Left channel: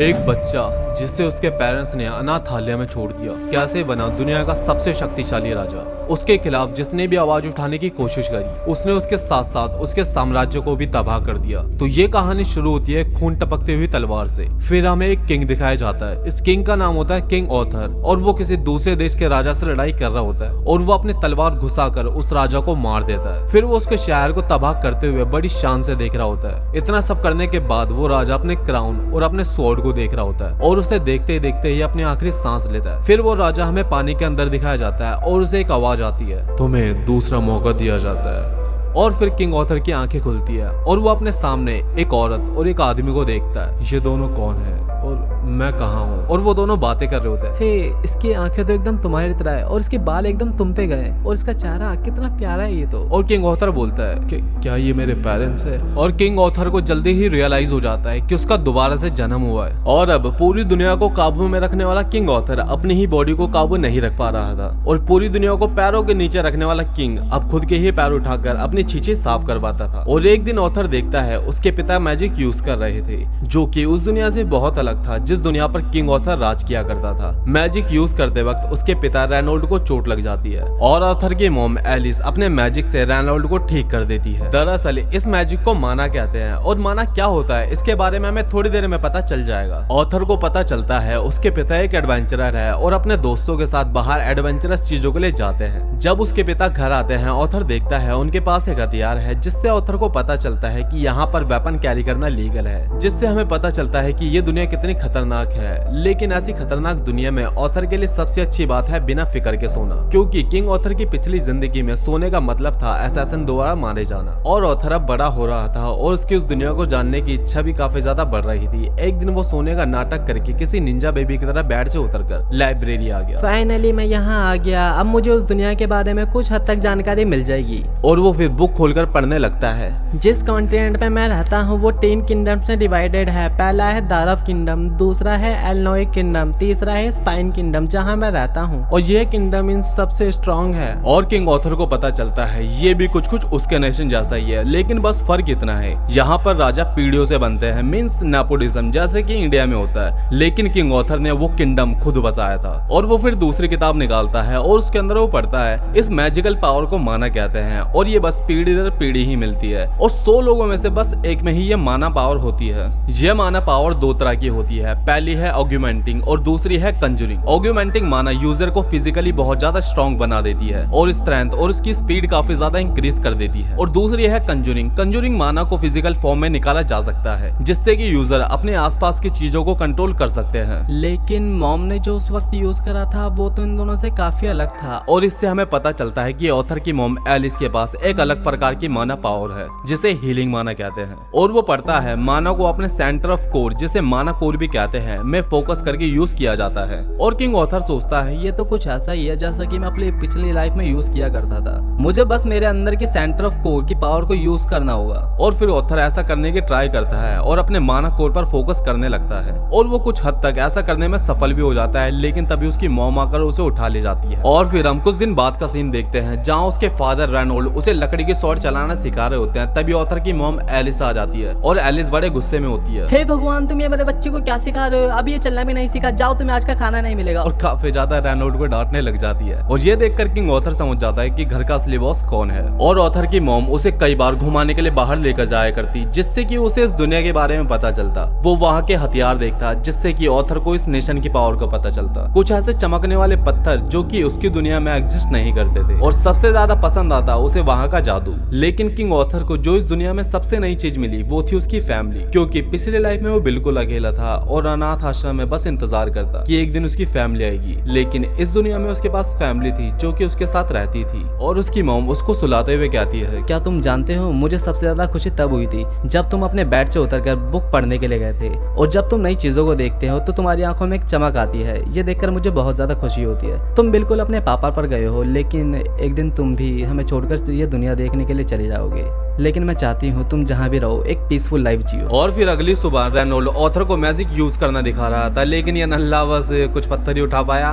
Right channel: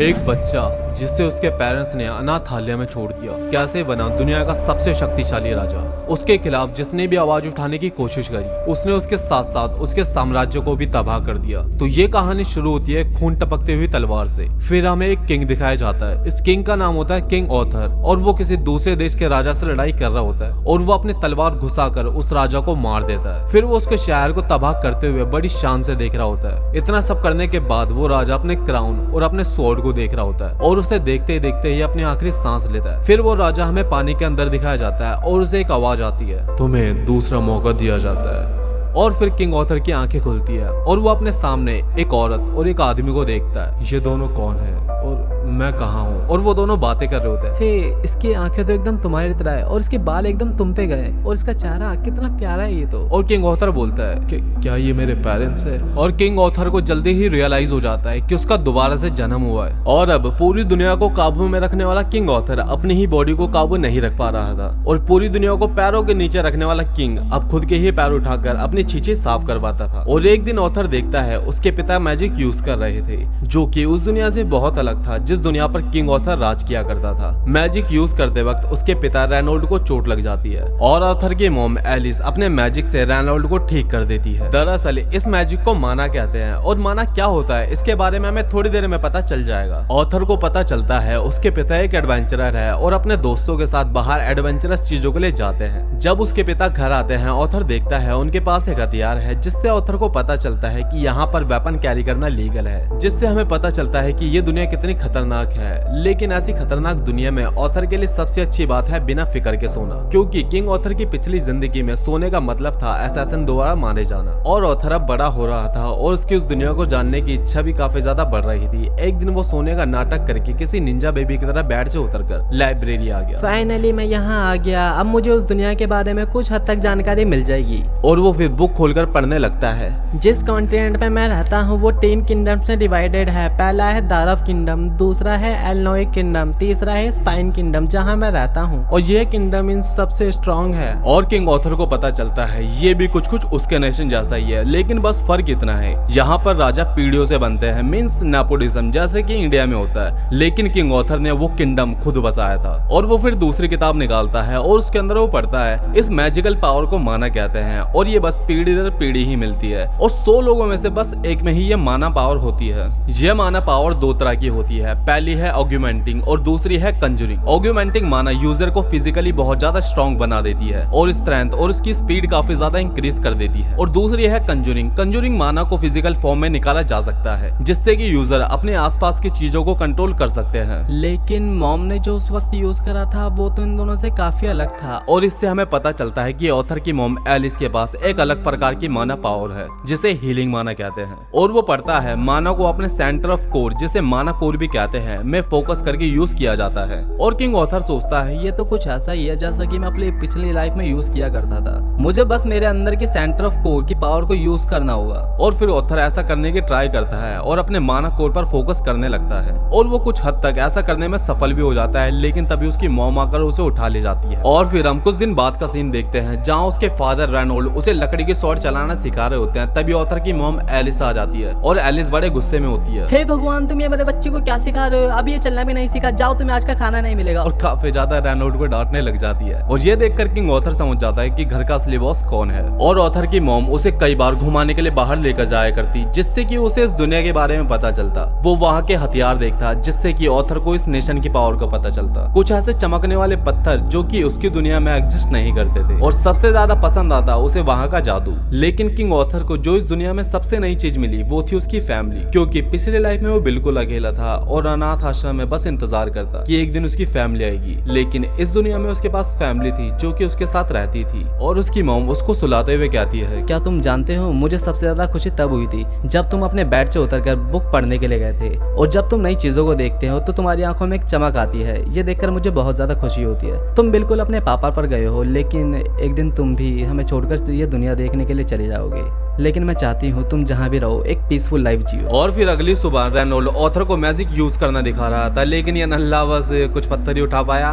एक बच्चा जिसे उसके पेरेंट्स ने अनाथालय में छोड़ दिया कैसे बना दुनिया का सबसे शक्तिशाली राजा। उसके खिलाफ जिसने भी आवाज उठाने की कोशिश करी उसने उसके साथ साथ उसके साम्राज्य को भी तबाह कर दिया। तो ये कहानी शुरू होती है खून टपकती हुई तलवार से। फिर हमें एक किंग दिखाया जाता है। इस किंग का नाम होता है किंग ऑथर और वो किसी दूसरे देश के राजा से लड़ाई कर रहा होता है और वो अपनी तलवार घुसाकर उस राजा को मार देता है। फिर वो उसके शहर को तबाह करते हुए बड़ी शान से देख रहा होता है। इतना सब करने के बाद वो राजा अपने क्राउन और अपने स्वॉर्ड को देख रहा होता है और उसे देखते ही अपनी आखिरी सांस लेता है। फिर वो राजा हमें पानी के अंदर दिखाया जाता है और उसे एक आवाज आती है, तुम्हें दूसरा मौका दिया जाता है। और फिर किंग ऑथर की आंखें खुलती है और वो अपने सामने एक औरत और एक आदमी को देखता है। ये दोनों कौन है और मैं कहाँ हूँ? और वो दोनों बातें कर रहे होते हैं। हे, इसकी आंखें तो एकदम तुम्हारी तरह है और इसके बाल एकदम तुम पे गए और इसका चेहरा कितना प्यारा है ये तो। और किंग ऑथर बोलता है कि क्या ये मेरे पेरेंट्स है? और किंग ऑथर को जल्दी ही रियलाइज हो जाता है कि उसका दोबारा से जन्म हुआ है। और अब पूरी दुनिया को काबू में रखने वाला किंग ऑथर अपनी ही बॉडी को काबू नहीं रख पा रहा था और पूरी दुनिया को पैरों के नीचे रखने वाला किंग अब खुद के ही पैर उठाकर अपनी छींचे साफ करवाता था। और एक दिन ऑथर देखता है उसके पिता मैजिक यूज कर रहे थे जो कि उस दुनिया से बहुत अलग था जिस दुनिया पर किंग ऑथर राज किया करता था। मैजिक यूज करते वक्त उसके पिता रेनोल्ड को चोट लग जाती है और ऑथर की मॉम एलिस अपने मैजिक से रेनोल्ड को ठीक कर देती है। दरअसल इस मैजिक को माना कहते हैं और माना क्या होता है इसके बारे में हमें थोड़ी देर में पता चल जाएगा। ऑथर को पता चलता है उसके पिता एक एडवेंचरर है और अपने दोस्तों के साथ बाहर एडवेंचरस चीजों के लिए जाते हैं। जब उसके पिता घर आते हैं ऑथर देखता है उनके पास एक हथियार है जिससे ऑथर को पता चलता है कि यहाँ पर वेपन कैरी करना लीगल है, जिससे हमें पता चलता है कि ये दुनिया कितनी खतरनाक है। लेकिन ऐसी खतरनाक दुनिया में ऑथर के लिए सबसे अच्छी बात है बिना फिक्र के सोना, क्योंकि किंग ऑथर की पिछली जिंदगी में सोने का मतलब था असैसिन द्वारा मारे जाना। और ऑथर अब बड़ा हो रहा था और उसकी उस दुनिया को जानने की इच्छा भी काफी ज्यादा बढ़ रही थी। एक दिन वो सोने का नाटक करके किसी निंजा बेबी की तरह बेड से उतरकर लाइब्रेरी आ गया। फाइनली मैं यहाँ आ गया, अब मुझे उस दुनिया के बारे में कुछ हद तक जानकारी मिल जाएगी। और वो फिर बुक खोलकर पढ़ने लगता है। जिस कॉन्टिनेंट में मैं रहता हूँ वो 3 किंगडम्स में डिवाइडेड है। पहला है दारफ किंगडम, दूसरा है एलनोइक किंगडम, तीसरा है स्पाइन किंगडम जहाँ मैं रहता हूँ और यह किंगडम इन सबसे स्ट्रॉन्ग है। और किंग ऑथर को पता चलता है ये भी कुछ उसके नेशन जैसा ही है, लेकिन बस फर्क इतना है यहाँ पर राजा पीढ़ियों से बनते हैं, मींस नेपोटिज्म जैसे कि इंडिया में होता है। लेकिन किंग ऑथर ने वो किंगडम खुद बसाया था। और वो फिर दूसरी किताब निकालता है और उसके अंदर वो पढ़ता है इस मैजिकल पावर को माना कहते हैं और ये बस पीढ़ी दर पीढ़ी ही मिलती है और 100 लोगों में से बस एक में ही ये माना पावर होती है। ये माना पावर 2 तरह की होती है, पहली है ऑग्यूमेंटिंग और दूसरी है कंजूरिंग। ऑग्यूमेंटिंग माना यूजर को फिजिकली बहुत ज्यादा स्ट्रॉन्ग बना देती है और स्ट्रेंथ और उसकी स्पीड काफी ज्यादा इंक्रीज कर देती है। और दूसरी है कंजूरिंग। कंजूरिंग माना को फिजिकल फॉर्म में निकाला जा सकता है जिससे कि यूजर अपने आसपास की चीजों को कंट्रोल कर सकते हैं। लेकिन मॉम ने जो उस वक्त यूज करा था वो तो इन दोनों से काफी अलग था। और इससे हमें पता चलता है कि ऑथर की मॉम एलिस के पास एक अलग प्रकार की माना पावर है जिसे हीलिंग माना कहते हैं। और वो पढ़ता है माना को अपने सेंटर ऑफ कोर जिसे माना कोर भी कहते हैं में फोकस करके यूज किया जाता है। और किंग ऑथर सोचता है ये तो कुछ ऐसा ही है जैसा कि मैं अपनी पिछली लाइफ में यूज किया करता था, मुझे बस मेरे अंदर की सेंटर ऑफ कोर की पावर को यूज करना होगा। और फिर ऑथर ऐसा करने की ट्राई करता है और अपने माना कोर पर फोकस करने लगता है और वो कुछ हद तक ऐसा करने में सफल भी हो जाता है, लेकिन तभी उसकी मॉम आकर उसे उठा ले जाती है। और फिर हम कुछ दिन बाद का सीन देखते हैं जहाँ उसके फादर रेनोल्ड उसे लकड़ी की स्वॉर्ड चलाना सिखा रहे होते हैं। तभी ऑथर की मॉम एलिस आ जाती है और एलिस बड़े गुस्से में होती है। हे भगवान, तुम ये मेरे बच्चे को क्या सिखा रहे हो? अब ये चलना भी नहीं सीखा, जाओ तुम्हें आज का खाना नहीं मिलेगा। और काफी ज्यादा रेनोल्ड को डांटने लग जाती है और ये देखकर किंग ऑथर समझ जाता है कि घर का असली बॉस कौन है। और ऑथर की मॉम उसे कई बार घुमाने के लिए बाहर लेकर जाया करती जिससे कि उसे इस दुनिया के बारे में पता चलता। वो वहाँ के हथियार देखता जिससे कि ऑथर को इस नेशन की पावर का पता चलता। कुछ ऐसे चमकने वाले पत्थर जो कि उसकी दुनिया में एग्जिस्ट नहीं करते थे और सबसे ज्यादा पसंद आता उसे वहाँ का जादू। लेकिन किंग ऑथर को जो इस दुनिया में सबसे नई चीज मिली वो थी उसकी फैमिली, क्योंकि पिछले लाइफ में वो बिल्कुल अकेला था और अनाथ आश्रम में बस इंतजार करता कि एक दिन उसकी फैमिली आएगी। लेकिन इस दुनिया में उसके पास फैमिली थी जो कि उसके साथ रहती थी। और उसकी मॉम उसको सुलाते हुए कहती है, क्या तुम जानते हो मुझे सबसे ज्यादा खुशी तब हुई थी जब तुम अपने बेड से उतरकर बुक पढ़ने के लिए गए थे। और जब तुम नई चीजों को देखते हो तो तुम्हारी आंखों में एक चमक आती है, ये देखकर मुझे बहुत ज्यादा खुशी होती है। तुम बिल्कुल अपने पापा पर गए हो, लेकिन एक दिन तुम भी हमें छोड़कर ये दुनिया देखने के लिए चले जाओगे। लेकिन मैं चाहती हूँ तुम जहाँ भी रहो एक पीसफुल लाइफ जियो। और फिर अगली सुबह रेनोल्ड ऑथर को मैजिक यूज करना दिखा रहा था, लेकिन ये नल्ला बस कुछ पत्थर ही उठा पाया।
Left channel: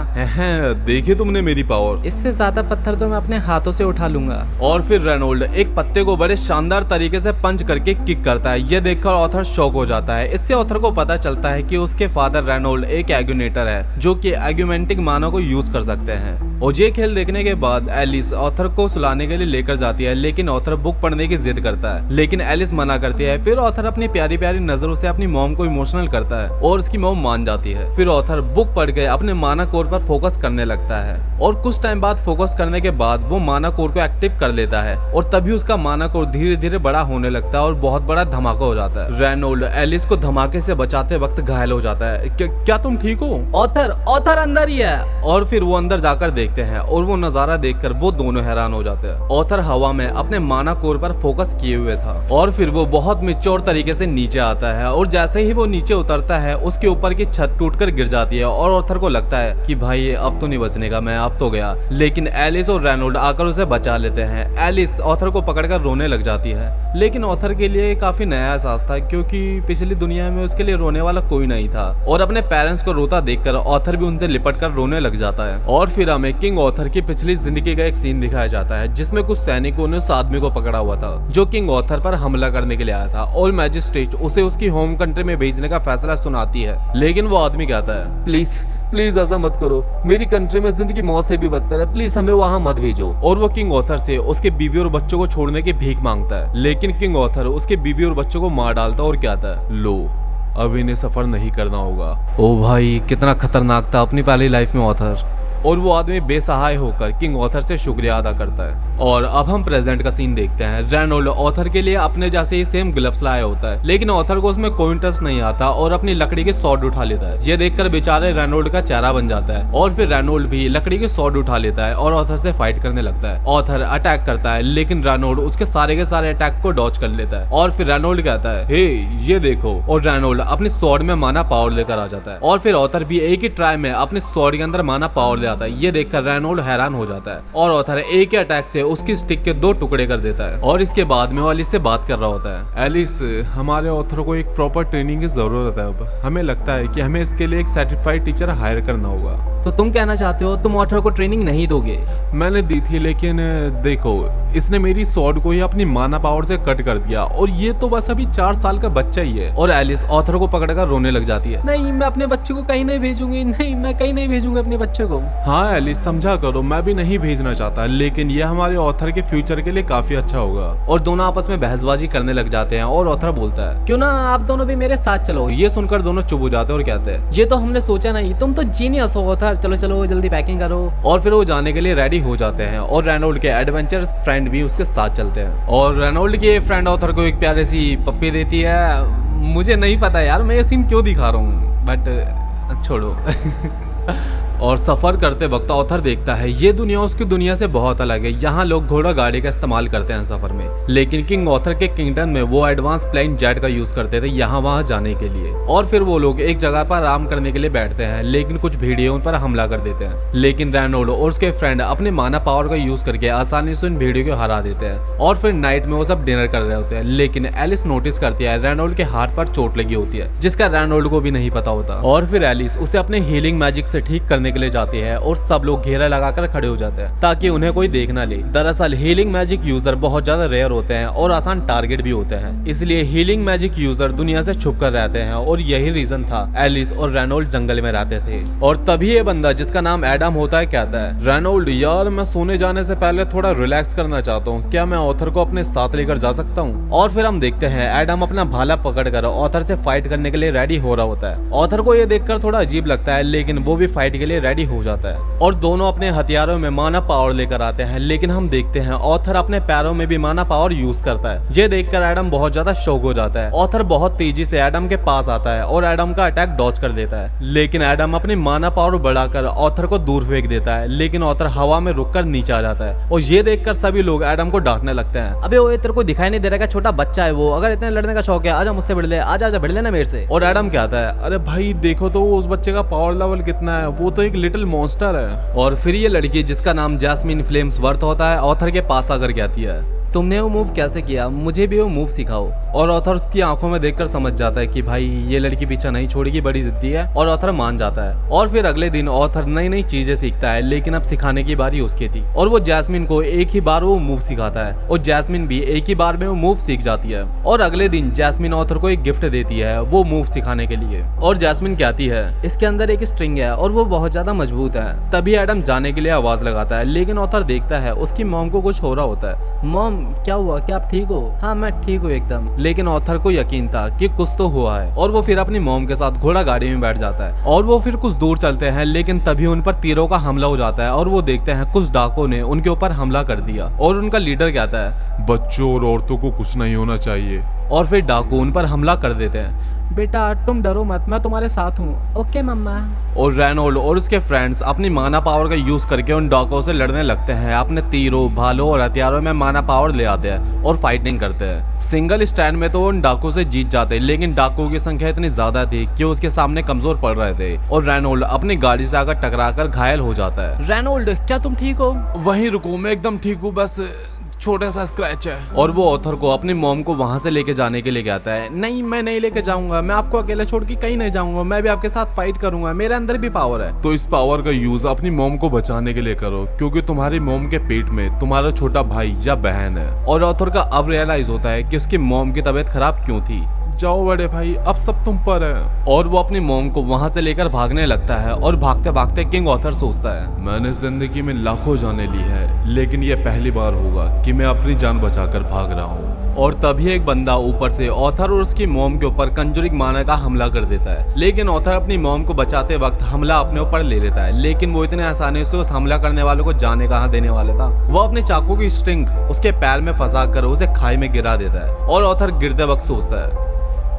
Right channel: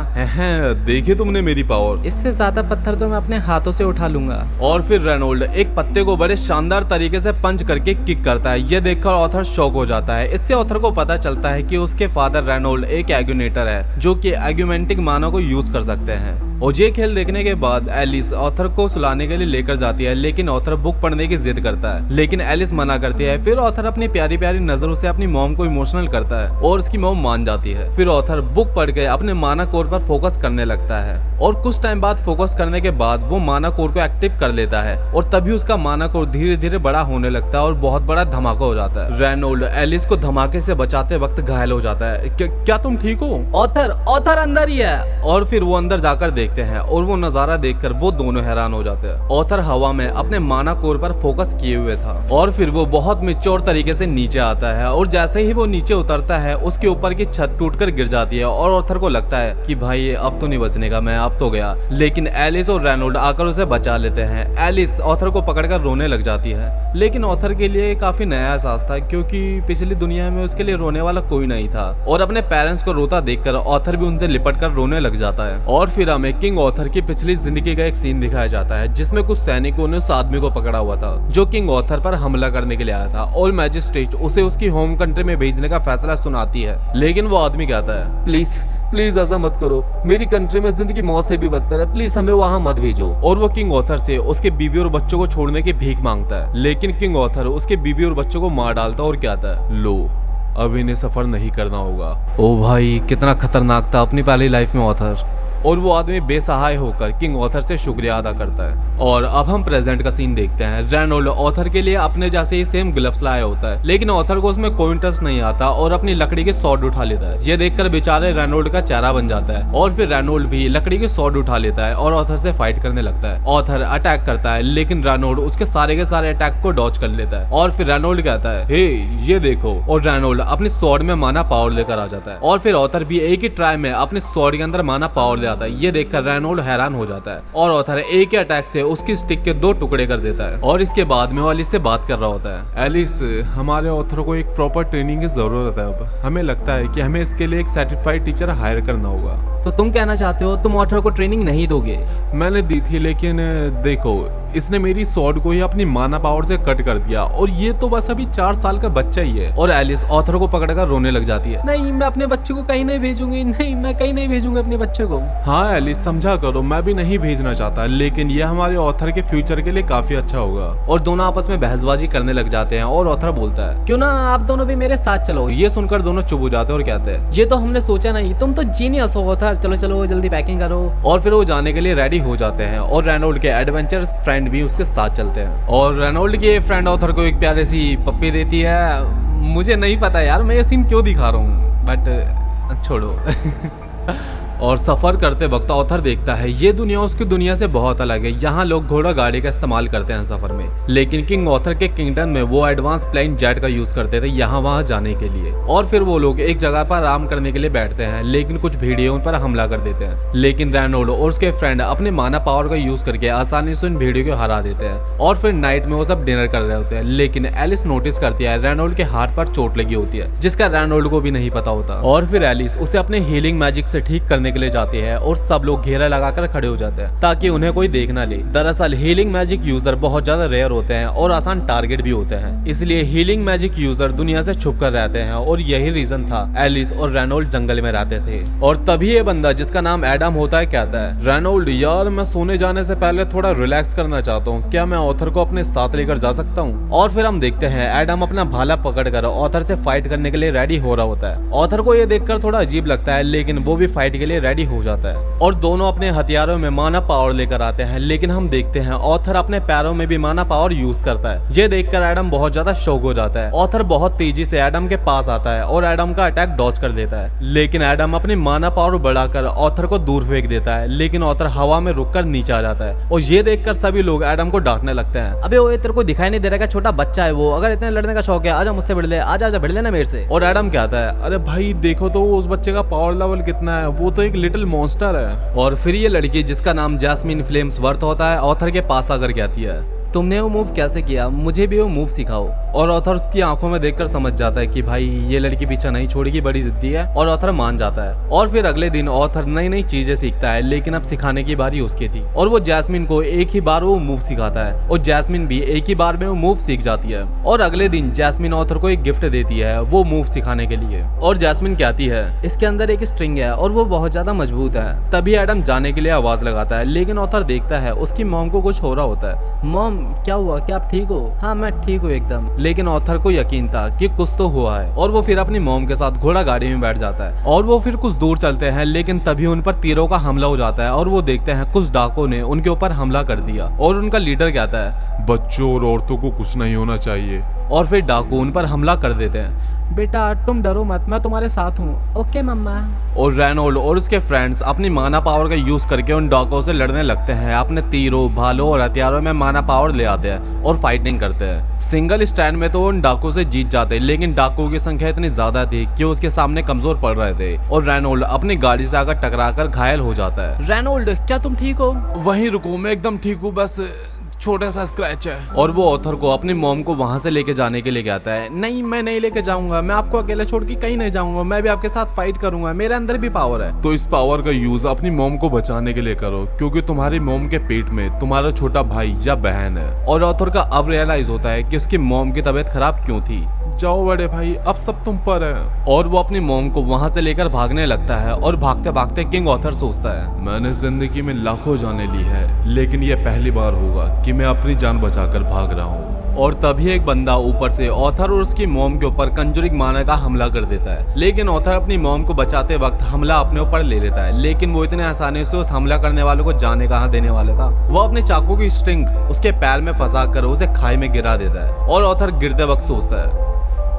देखी तुमने मेरी पावर, इससे ज्यादा पत्थर तो मैं अपने हाथों से उठा लूंगा। और फिर रेनोल्ड एक पत्ते को बड़े शानदार तरीके से पंच करके किक करता है। ये देखकर ऑथर शॉक हो जाता है। इससे ऑथर को पता चलता है कि उसके फादर रेनोल्ड एक एग्यूनेटर है जो कि एग्यूमेंटिक मानव को यूज कर सकते हैं। और ये खेल देखने के बाद एलिस ऑथर को सुलाने के लिए लेकर जाती है, लेकिन ऑथर बुक पढ़ने की जिद करता है, लेकिन एलिस मना करती है। फिर ऑथर अपनी प्यारी प्यारी नजरों से अपनी मॉम को इमोशनल करता है और उसकी मॉम मान जाती है। फिर ऑथर बुक पढ़ के अपने माना कोर पर फोकस करने लगता है और कुछ टाइम बाद फोकस करने के बाद वो माना कोर को एक्टिव कर लेता है और तभी उसका माना कोर धीरे धीरे बड़ा होने लगता है और बहुत बड़ा धमाका हो जाता है। रेनोल्ड एलिस को धमाके से बचाते वक्त घायल हो जाता है। क्या तुम ठीक हो? ऑथर अंदर ही है। और फिर वो अंदर जाकर देखते हैं और वो नजारा देखकर वो दोनों हैरान हो जाते हैं। ऑथर हवा में अपने माना कोर पर फोकस किए हुए था और फिर वो बहुत मैच्योर तरीके से नीचे आता है और जैसे ही वो नीचे उतरता है उसके ऊपर की छत टूटकर गिर जाती है और ऑथर को लगता है कि भाई ये अब तो नहीं बचने का, मैं अब तो गया। लेकिन एलिस और रेनोल्ड आकर उसे बचा लेते हैं। एलिस ऑथर को पकड़कर रोने लग जाती है, लेकिन ऑथर के लिए काफी नया एहसास था क्योंकि पिछली दुनिया में उसके लिए रोने वाला कोई नहीं था। और अपने पेरेंट्स को रोता देखकर ऑथर भी उनसे लिपट कर रोने लग जाता है। और फिर हमें किंग ऑथर की पिछली जिंदगी का एक सीन दिखाया जाता है जिसमें कुछ सैनिकों ने उस आदमी को पकड़ा हुआ था जो किंग ऑथर पर हमला करने के लिए आया था और मैजिस्ट्रेट उसे उसकी होम कंट्री में भेजने का फैसला सुनाती है। लेकिन वो आदमी कहता है, प्लीज ऐसा मत करो, मेरी कंट्री में जिंदगी मौत से भी बदतर है, प्लीज हमें वहां मत भेजो। और वो किंग ऑथर से उसके बीवी और बच्चों को छोड़ने की भीख मांगता है, लेकिन किंग ऑथर उसके बीवी और बच्चों को मार डालता है और कहता है, लो अब इन्हें सफर नहीं करना होगा। ओ भाई कितना खतरनाक था अपनी पहली लाइफ में ऑथर। और वो आदमी बेसहाय होकर किंग ऑथर से शुक्रिया अदा करता है। और अब हम प्रेजेंट का सीन देखते हैं। रेनोल्ड ऑथर के लिए अपने जैसे ही सेम ग्लव्स लाया होता है, लेकिन ऑथर को उसमें कोई इंटरेस्ट नहीं आता और अपनी लकड़ी के सॉर्ड उठा लेता है। ये देखकर बेचारे रेनोल्ड का चेहरा बन जाता है और फिर रेनोल्ड भी लकड़ी के सॉर्ड उठा लेता है और ऑथर से फाइट करने लगता है। ऑथर अटैक करता है, लेकिन रेनोल्ड उसके सारे के सारे अटैक को डॉच कर लेता है। और फिर रेनोल्ड कहता है, हे ये देखो, और रेनोल्ड अपनी सॉर्ड में माना पावर लेकर आ जाता है। और फिर ऑथर भी एक ही ट्राई में अपने सॉर्ड के अंदर माना पावर ले आता है। ये देखकर रेनोल्ड हैरान हो जाता है और ऑथर एक ही अटैक से उसकी स्टिक के 2 टुकड़े कर देता है। और इसके बाद में वो एलिस से बात कर रहा होता है। एलिस, हमारे ऑथर को एक प्रॉपर ट्रेनिंग की जरूरत है। अब हमें लगता है कि हमें इसके लिए एक सर्टिफाइड टीचर हायर करना होगा। तो तुम कहना चाहते हो तुम ऑथर को ट्रेनिंग नहीं दोगे? मैंने दी थी, लेकिन देखो इसने मेरी सॉर्ड को ही अपनी माना पावर से कट कर दिया और ये तो बस अभी 4 साल का बच्चा ही है। और एलिस ऑथर को पकड़कर रोने लग जाती है। नहीं, मैं अपने बच्चे को कहीं नहीं भेजूंगी, नहीं मैं कहीं नहीं भेजूंगी अपने बच्चे को। हाँ एलिस समझा करो, मैं भी नहीं भेजना चाहता, लेकिन ये हमारे ऑथर के फ्यूचर के लिए काफी अच्छा होगा। और दोनों आपस में बहसबाजी करने लग जाते हैं और ऑथर बोलता है, क्यों ना आप दोनों भी मेरे साथ चलो। ये सुनकर दोनों चुप हो जाते हैं और कहते हैं, ये तो हमने सोचा नहीं, तुम तो जीनियस हो ऑथर, चलो चलो जल्दी पैकिंग करो। और फिर वो जाने के लिए रेडी हो जाते हैं और रेनोल्ड के एडवेंचरस फ्रेंड भी उसके साथ चलते हैं। और रेनोल्ड की फ्रेंड ऑथर को एक प्यारी सी पप्पी देती है। मुझे नहीं पता यार मैं ये सीन क्यों दिखा रहा हूँ, बट छोड़ो। और सफर करते वक्त ऑथर देखता है ये दुनिया उसकी दुनिया से बहुत अलग है। यहाँ लोग घोड़ा गाड़ी का इस्तेमाल करते हैं सफर में, लेकिन किंग ऑथर के किंगडम में वो एडवांस प्लेन जेट का यूज करते थे यहाँ वहाँ जाने के लिए। और फिर वो लोग एक जगह पर आराम करने के लिए बैठते हैं, लेकिन कुछ भेड़िए उन पर हमला कर देते हैं। लेकिन रेनोल्ड और उसके फ्रेंड अपने माना पावर का यूज करके आसानी से उन भेड़ियों को हरा देते हैं। और फिर नाइट में वो सब डिनर कर रहे होते हैं, लेकिन एलिस नोटिस करती है रेनोल्ड के हाथ पर चोट लगी होती है, जिसका रेनोल्ड को भी नहीं पता होता। और फिर एलिस उसे अपने हीलिंग मैजिक से ठीक करने के लिए जाती है और सब लोग घेरा लगाकर खड़े हो जाते हैं ताकि उन्हें कोई देख ना ले। दरअसल हीलिंग मैजिक यूजर बहुत ज्यादा रेयर होते हैं और आसान टारगेट भी होते हैं, इसलिए हीलिंग मैजिक यूजर दुनिया से छुप कर रहते हैं। और यही रीजन था एलिस और रेनोल्ड जंगल में रहते थे। और तभी ये बंदा जिसका नाम एडम होता है कहता है, रेनोल्ड यार मैं सोने जाने से पहले थोड़ा रिलैक्स करना चाहता हूँ, क्या मैं ऑथर को अपने साथ लेकर जा सकता हूँ? और फिर हम देखते हैं एडम अपना भाला पकड़कर ऑथर से फाइट करने के लिए रेडी हो रहा होता है। ऑथर को ये देखकर थोड़ा अजीब लगता है, लेकिन वो भी फाइट के लिए रेडी हो जाता है और दोनों अपने हथियारों में माना पावर लेकर आते हैं। लेकिन हम देखते हैं ऑथर अपने पैरों में भी माना पावर यूज करता है। ये देखकर एडम बहुत ज्यादा शॉक हो जाता है। ऑथर बहुत तेजी से एडम के पास आता है और एडम का अटैक डॉच कर देता है, लेकिन एडम अपनी माना पावर बढ़ाकर ऑथर को दूर फेंक देता है। लेकिन ऑथर हवा में रुककर नीचे आ जाता है और ये देखकर सभी लोग एडम को डांटने लगते हैं। अबे ओए तेरे को दिखाई नहीं दे रहा, छोटा बच्चा है वो, अगर इतने लड़ने का शौक है आजा मुझसे भिड़ ले, आजा भिड़ लेना मेरे से। और एडम कहता है, अरे भाई देखो तो उस बच्चे का पावर लेवल कितना है, वो तो एक लिटिल मॉन्स्टर है। और फिर ये लड़की जिसका नाम जैस्मिन फ्लेम्स वर्थ होता है ऑथर के पास आकर कहती है, तुमने वो मूव कैसे किया, मुझे भी वो मूव सिखाओ। और ऑथर उसकी आंखों में देखकर समझ जाता है कि भाई ये लड़की पीछा नहीं छोड़ेगी, बड़ी जिद्दी है, और ऑथर मान जाता है। और फिर अगले दिन ऑथर नई नई चीजें सीखता है, लेकिन अब सिखाने की बारी उसकी थी और वो जैस्मिन को एक ही बार वो मूव सिखाता है और जैस्मिन भी एक ही बार में वो मूव सीख जाती है। और अगले दिन जैस्मिन ऑथर को एक गिफ्ट देती है वो मूव सिखाने के लिए। और जैस्मिन कहती है इसके अंदर एक स्ट्रिंग है और वो बहुत ज्यादा मजबूत है। तभी एडम जाने के लिए आवाज लगाता है, लेकिन ऑथर देखता है उसकी मॉम को कुछ हो रहा होता है। मॉम क्या हुआ, क्या आप ठीक हो? हाँ मैं ठीक हूँ एकदम। लेकिन ऑथर को यकीन था कि कुछ तो हुआ है और वो फिर अपनी मॉम के साथ घोड़ा गाड़ी में बैठ जाता है और वो फिर कुछ दूर चलते हैं, लेकिन तभी उन पर तीरों का हमला हो जाता है और वो देखते हैं कुछ डाकुओं ने उनके ऊपर हमला कर दिया। और उनका लीडर कहता है बच्चों और औरतों को कुछ नहीं होना चाहिए। और फिर डाकू उन पर हमला कर देते हैं। बेटा तुम डरो मत, मैं तुम्हारे साथ हूँ। ओके मम्मा। और रेनोल्ड और उसके फ्रेंड्स अपनी माना पावर का यूज करके उन डाकुओं से लड़ने लगते हैं। अपने तीरों, भालों और हथियारों में माना पावर ले आते हैं और फाइटिंग करते हैं। सिंगल स्टैंड में तो उन डाकुओं से जीत जाते हैं, लेकिन डाकुओं की संख्या इतनी ज्यादा थी कि उसके सामने कमजोर पड़ रहे थे और रेनोल्ड अपनी गाड़ी से आकर टकराकर घायल हो जाता है। रेनोल्ड क्या तुम ठीक हो? वहीं रुको, मैं एकदम ठीक हूँ, बस छोटा सा स्क्रैच है। और वो ऑथर को अपनी मॉम को वहां से लेके जाने के लिए कहता है। नहीं मैं नहीं लेके जाऊंगा, मैं आपको अकेले छोड़ के कहीं नहीं जाऊंगा, मैं भी आपके साथ फाइट करूंगा, मेरे अंदर भी पावर है। तो इस पावर का यूज अपनी मॉम को बचाने के लिए करो, क्योंकि तुम्हारी मॉम के पेट में तुम्हारा छोटा भाई या बहन है। और ऑथर का अब रियलाइज होता है कि उसकी मॉम की तबीयत खराब क्यों थी। जाओ बड़े भाई, अब सब तुम पर है। और वो अपनी मॉम को वहां से लेकर भागने लगता है और भागते भागते किंग ऑथर सोचता है मैंने जिंदगी में लाखों जानें ली है, लेकिन ये पहली बार होगा कि मैं अपनी जान बचाकर भाग रहा हूँ। और तभी एक बंदा ऊपर से ऑथर और उसकी मॉम के ऊपर कंजूरिंग माना का हमला कर देता है। लेकिन ऑथर अपनी मॉम को बचाते वक्त हमला अपने ऊपर ले लेता है, लेकिन वो इतने आसानी से उस हमला करने वालों को जाने कहाँ देने वाला था। वो अपने चाकू की स्ट्रिंग उसके पैर में फंसा कर उसे खाई में गिरा देता है और ऑथर गिरते वक्त सोचता है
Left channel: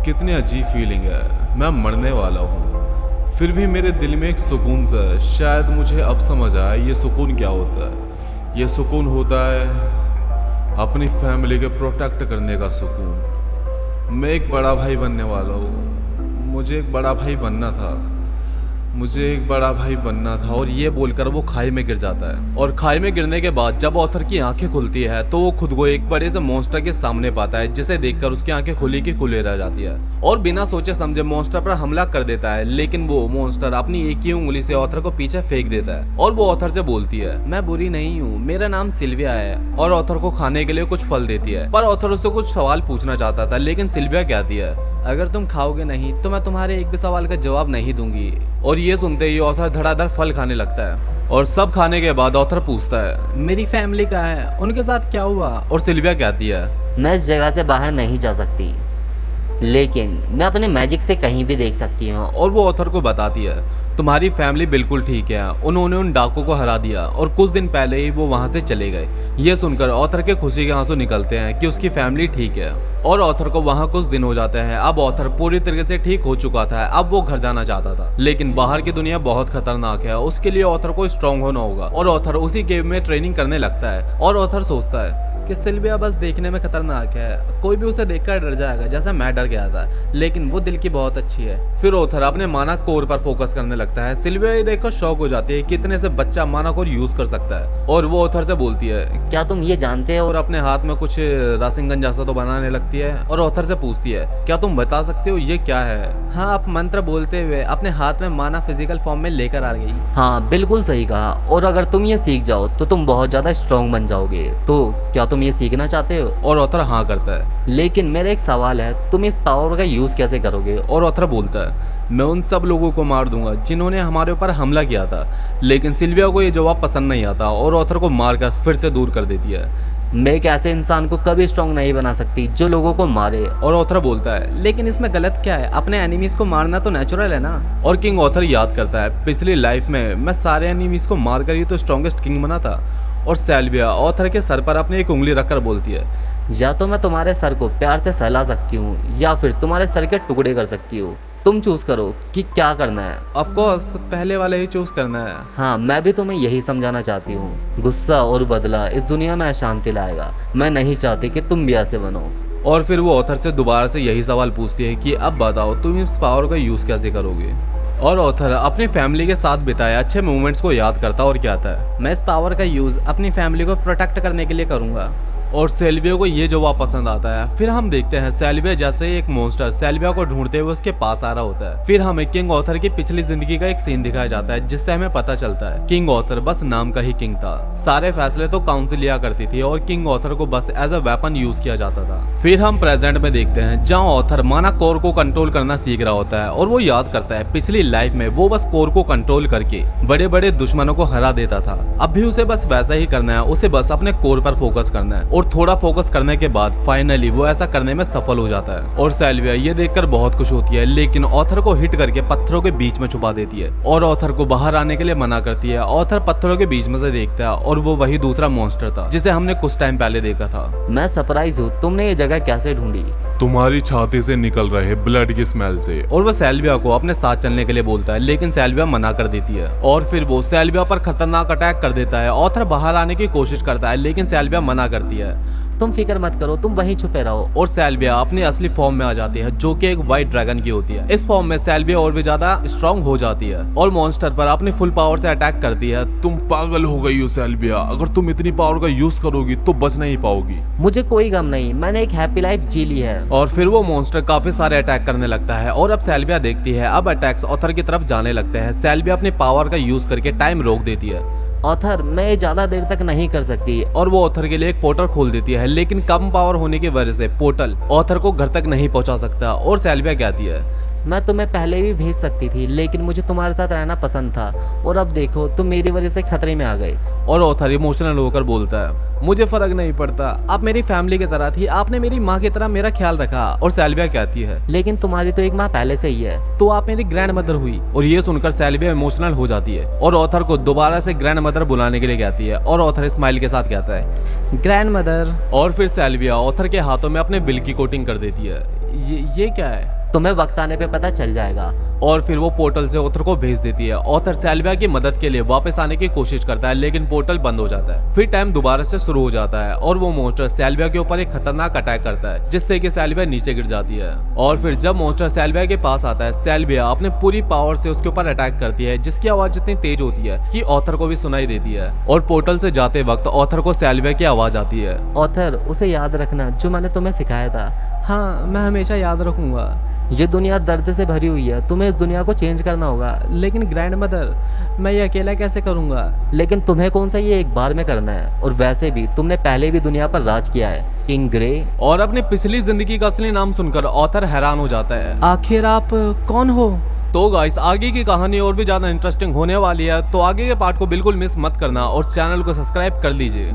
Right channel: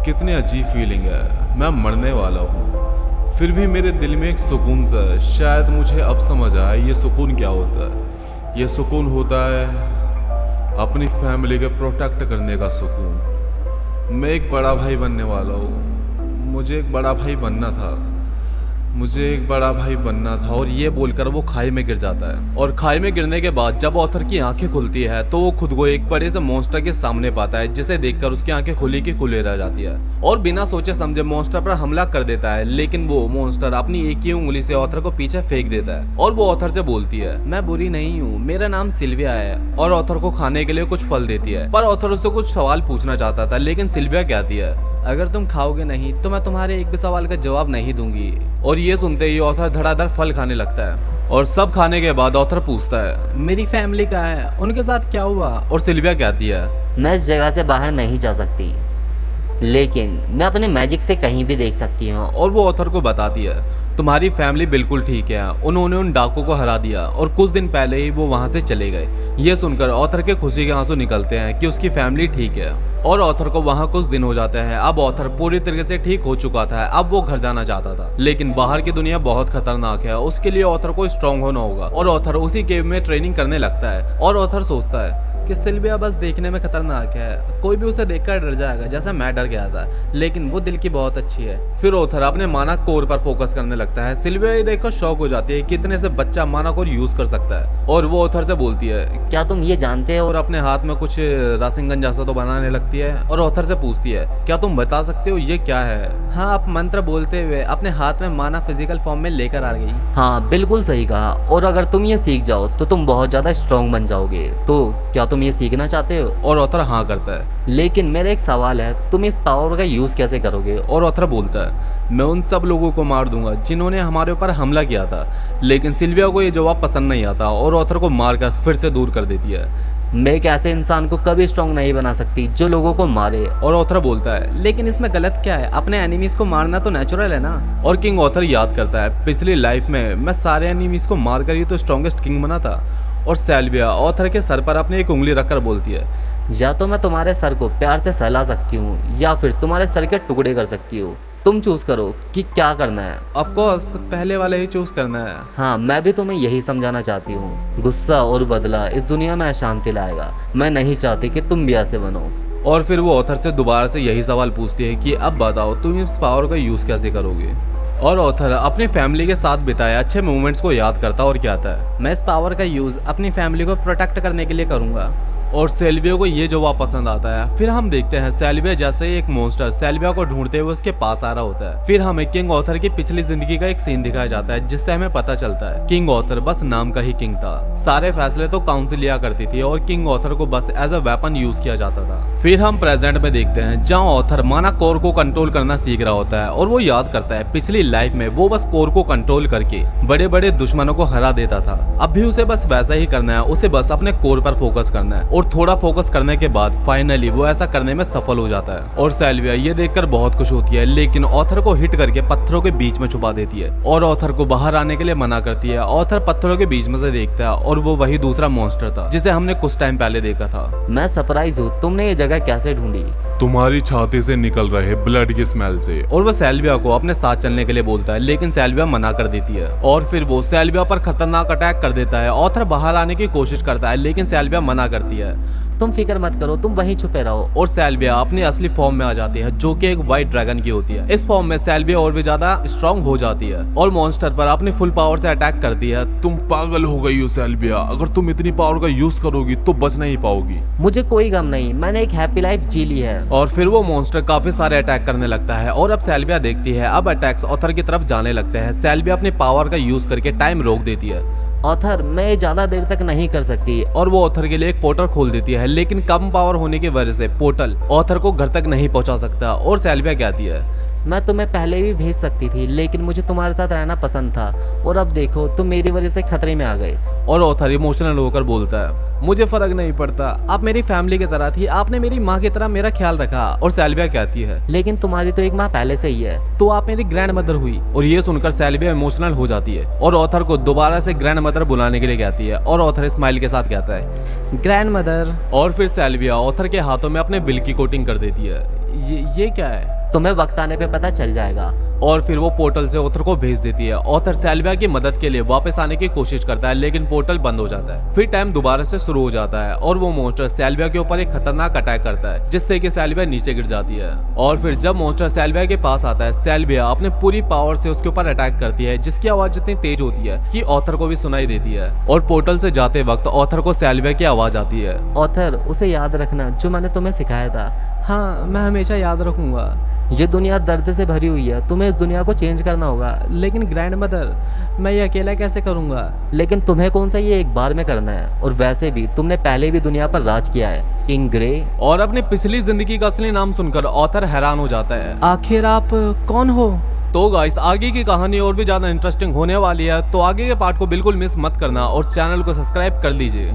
कितनी अजीब फीलिंग है, मैं मरने वाला हूँ, फिर भी मेरे दिल में एक सुकून सा है। शायद मुझे अब समझ आया ये सुकून क्या होता है। ये सुकून होता है अपनी फैमिली के प्रोटेक्ट करने का सुकून। मैं एक बड़ा भाई बनने वाला हूँ, मुझे एक बड़ा भाई बनना था, मुझे एक बड़ा भाई बनना था। और ये बोलकर वो खाई में गिर जाता है। और खाई में गिरने के बाद जब ऑथर की आंखें खुलती है तो वो खुद को एक बड़े से मॉन्स्टर के सामने पाता है, जिसे देखकर उसकी आंखें खुली की खुले रह जाती है और बिना सोचे समझे मॉन्स्टर पर हमला कर देता है। लेकिन वो मॉन्स्टर अपनी एक ही उंगली से ऑथर को पीछे फेंक देता है और वो ऑथर से बोलती है मैं बुरी नहीं हूँ, मेरा नाम सिल्विया है। और ऑथर को खाने के लिए कुछ फल देती है। पर ऑथर उससे कुछ सवाल पूछना चाहता था, लेकिन सिल्विया कहती है अगर तुम खाओगे नहीं तो मैं तुम्हारे एक भी सवाल का जवाब नहीं दूंगी। और ये सुनते ही ऑथर धड़ाधड़ फल खाने लगता है। और सब खाने के बाद ऑथर पूछता है मेरी फैमिली कहाँ है, उनके साथ क्या हुआ? और सिल्विया कहती है मैं इस जगह से बाहर नहीं जा सकती, लेकिन मैं अपने मैजिक से कहीं भी देख सकती हूँ। और वो ऑथर को बताती है तुम्हारी फैमिली बिल्कुल ठीक है, उन्होंने उन डाकू को हरा दिया और कुछ दिन पहले ही वो वहां से चले गए। ये सुनकर ऑथर के खुशी के आंसू निकलते हैं कि उसकी फैमिली ठीक है। और ऑथर को वहां कुछ दिन हो जाते हैं। अब ऑथर पूरी तरीके से ठीक हो चुका था, अब वो घर जाना चाहता था, लेकिन बाहर की दुनिया बहुत खतरनाक है, उसके लिए ऑथर को स्ट्रांग होना होगा। और ऑथर उसी केव में ट्रेनिंग करने लगता है। और ऑथर सोचता है कि सिल्विया बस देखने में खतरनाक है, कोई भी उसे देखकर डर जाएगा जैसा मैं डर गया था, लेकिन वो दिल की बहुत अच्छी है। फिर ऑथर अपने माना कोर पर फोकस करने लगता है। सिल्विया ये देखकर शॉक हो जाती है कि इतने से बच्चा माना कोर यूज कर सकता है। और वो ऑथर से बोलती है क्या तुम ये जानते हो? और अपने हाथ में कुछ रासिंगन जैसा तो बनाने लगती है। और ऑथर से पूछती है क्या तुम बता सकते हो ये क्या है? हाँ, आप मंत्र बोलते हुए अपने हाथ में माना फिजिकल फॉर्म में लेकर आ गई। हाँ बिल्कुल सही कहा। और अगर तुम ये सीख जाओ तो तुम बहुत ज्यादा स्ट्रांग बन जाओगे। तो क्या तुम ये सीखना चाहते हो? और ऑथर हाँ करता है। लेकिन मेरा एक सवाल है, तुम इस पावर का यूज कैसे करोगे? और ऑथर बोलता है मैं उन सब लोगों को मार दूंगा जिन्होंने हमारे ऊपर हमला किया था। लेकिन सिल्विया को ये जवाब पसंद नहीं आता और ऑथर को मारकर फिर से दूर कर देती है। मैं एक ऐसे इंसान को कभी स्ट्रांग नहीं बना सकती जो लोगों को मारे। और ऑथर बोलता है लेकिन इसमें गलत क्या है, अपने एनिमीज को मारना तो नेचुरल है ना। और किंग ऑथर याद करता है पिछली लाइफ में मैं सारे एनिमीज को मारकर ही तो स्ट्रॉन्गेस्ट किंग बना था। और सिल्विया ऑथर के सर पर अपनी एक उंगली रखकर बोलती है या तो मैं तुम्हारे सर को प्यार से सहला सकती हूँ या फिर तुम्हारे सर के टुकड़े कर सकती हूँ। तुम चूज करो कि क्या करना है। ऑफ कोर्स पहले वाले ही चूज करना है। हाँ, मैं भी तुम्हें यही समझाना चाहती हूँ। गुस्सा और बदला इस दुनिया में अशांति लाएगा। मैं नहीं चाहती कि तुम भी ऐसे बनो। और फिर वो ऑथर से दोबारा से यही सवाल पूछती है कि अब बताओ तुम इस पावर का यूज कैसे करोगे? और ऑथर अपनी फैमिली के साथ बिताए अच्छे मोमेंट्स को याद करता और कहता है मैं इस पावर का यूज अपनी फैमिली को प्रोटेक्ट करने के लिए करूंगा। और सेल्विया को ये जवाब पसंद आता है। फिर हम देखते हैं सेल्विया जैसे ही एक मॉन्स्टर सेल्विया को ढूंढते हुए उसके पास आ रहा होता है। फिर हमें किंग ऑथर की पिछली जिंदगी का एक सीन दिखाया जाता है जिससे हमें पता चलता है किंग ऑथर बस नाम का ही किंग था। सारे फैसले तो काउंसिल लिया करती थी और किंग ऑथर को बस एज अ वेपन यूज किया जाता था। फिर हम प्रेजेंट में देखते हैं जहाँ ऑथर माना कोर को कंट्रोल करना सीख रहा होता है और वो याद करता है पिछली लाइफ में वो बस कोर को कंट्रोल करके बड़े बड़े दुश्मनों को हरा देता था। अब भी उसे बस वैसा ही करना है, उसे बस अपने कोर पर फोकस करना है और थोड़ा फोकस करने के बाद फाइनली वो ऐसा करने में सफल हो जाता है। और सेल्विया ये देखकर बहुत खुश होती है लेकिन ऑथर को हिट करके पत्थरों के बीच में छुपा देती है और ऑथर को बाहर आने के लिए मना करती है। ऑथर पत्थरों के बीच में से देखता है और वो वही दूसरा मॉन्स्टर था जिसे हमने कुछ टाइम पहले देखा था। मैं सरप्राइज हूँ, तुमने ये जगह कैसे ढूंढी? तुम्हारी छाती से निकल रहे ब्लड की स्मेल से। और वो सेल्विया को अपने साथ चलने के लिए बोलता है लेकिन सेल्विया मना कर देती है और फिर वो सेल्विया पर खतरनाक अटैक कर देता है। ऑथर बाहर आने की कोशिश करता है लेकिन सेल्विया मना करती है। तुम फिक्र मत करो, तुम वहीं छुपे रहो। और सेल्विया अपनी असली फॉर्म में आ जाती है जो कि एक व्हाइट ड्रैगन की होती है। इस फॉर्म में सेल्विया और भी ज्यादा स्ट्रांग हो जाती है और मॉन्स्टर पर अपनी फुल पावर से अटैक करती है। तुम पागल हो गई हो सेल्विया, अगर तुम इतनी पावर का यूज करोगी तो बच नहीं पाओगी। मुझे कोई गम नहीं, मैंने एक हैप्पी लाइफ जी ली है। और फिर वो मॉन्स्टर काफी सारे अटैक करने लगता है और अब सेल्विया देखती है अब अटैक्स ऑथर की तरफ जाने लगते हैं। सेल्विया अपनी पावर का यूज करके टाइम रोक देती है ऑथर, मैं ज्यादा देर तक नहीं कर सकती। और वो ऑथर के लिए एक पोर्टल खोल देती है लेकिन कम पावर होने की वजह से पोर्टल ऑथर को घर तक नहीं पहुंचा सकता। और सेल्विया कहती है मैं तुम्हें पहले भी भेज सकती थी लेकिन मुझे तुम्हारे साथ रहना पसंद था और अब देखो तुम मेरी वजह से खतरे में आ गए। और ऑथर इमोशनल होकर बोलता है मुझे फर्क नहीं पड़ता, आप मेरी फैमिली की तरह थी, आपने मेरी माँ की तरह मेरा ख्याल रखा। और सेल्विया कहती है लेकिन तुम्हारी तो एक माँ पहले से ही है। तो आप मेरी ग्रैंड मदर हुई। और ये सुनकर सेल्विया इमोशनल हो जाती है और ऑथर को दोबारा से ग्रैंड मदर बुलाने के लिए कहती है और ऑथर स्माइल के साथ कहता है ग्रैंड मदर। और फिर सेल्विया ऑथर के हाथों में अपने बिल की कोटिंग कर देती है। ये क्या है? तुम्हें वक्त आने पे पता चल जाएगा। और फिर वो पोर्टल से ऑथर को भेज देती है। ऑथर सेल्विया की मदद के लिए वापस आने की कोशिश करता है लेकिन पोर्टल बंद हो जाता है। फिर टाइम दोबारा से शुरू हो जाता है और वो मॉन्स्टर सेल्विया के ऊपर एक खतरनाक अटैक करता है जिससे कि सेल्विया नीचे गिर जाती है। और फिर जब मॉन्स्टर सेल्विया के पास आता है सेल्विया अपने पूरी पावर से उसके ऊपर अटैक करती है जिसकी आवाज इतनी तेज होती है कि ऑथर को भी सुनाई देती है। और पोर्टल से जाते वक्त ऑथर को सेल्विया की आवाज आती है ऑथर, उसे याद रखना जो मैंने तुम्हें सिखाया था। हाँ, मैं हमेशा याद रखूंगा। ये दुनिया दर्द से भरी हुई है, तुम्हें इस दुनिया को चेंज करना होगा। लेकिन ग्रैंड मदर, मैं ये अकेला कैसे करूंगा? लेकिन तुम्हें कौन सा ये एक बार में करना है, और वैसे भी तुमने पहले भी दुनिया पर राज किया है, किंग ग्रे। और अपनी पिछली जिंदगी का असली नाम सुनकर ऑथर हैरान हो जाता है। आखिर आप कौन हो? तो गाइस आगे की कहानी और भी ज्यादा इंटरेस्टिंग होने वाली है तो आगे के पार्ट को बिल्कुल मिस मत करना और चैनल को सब्सक्राइब कर लीजिए।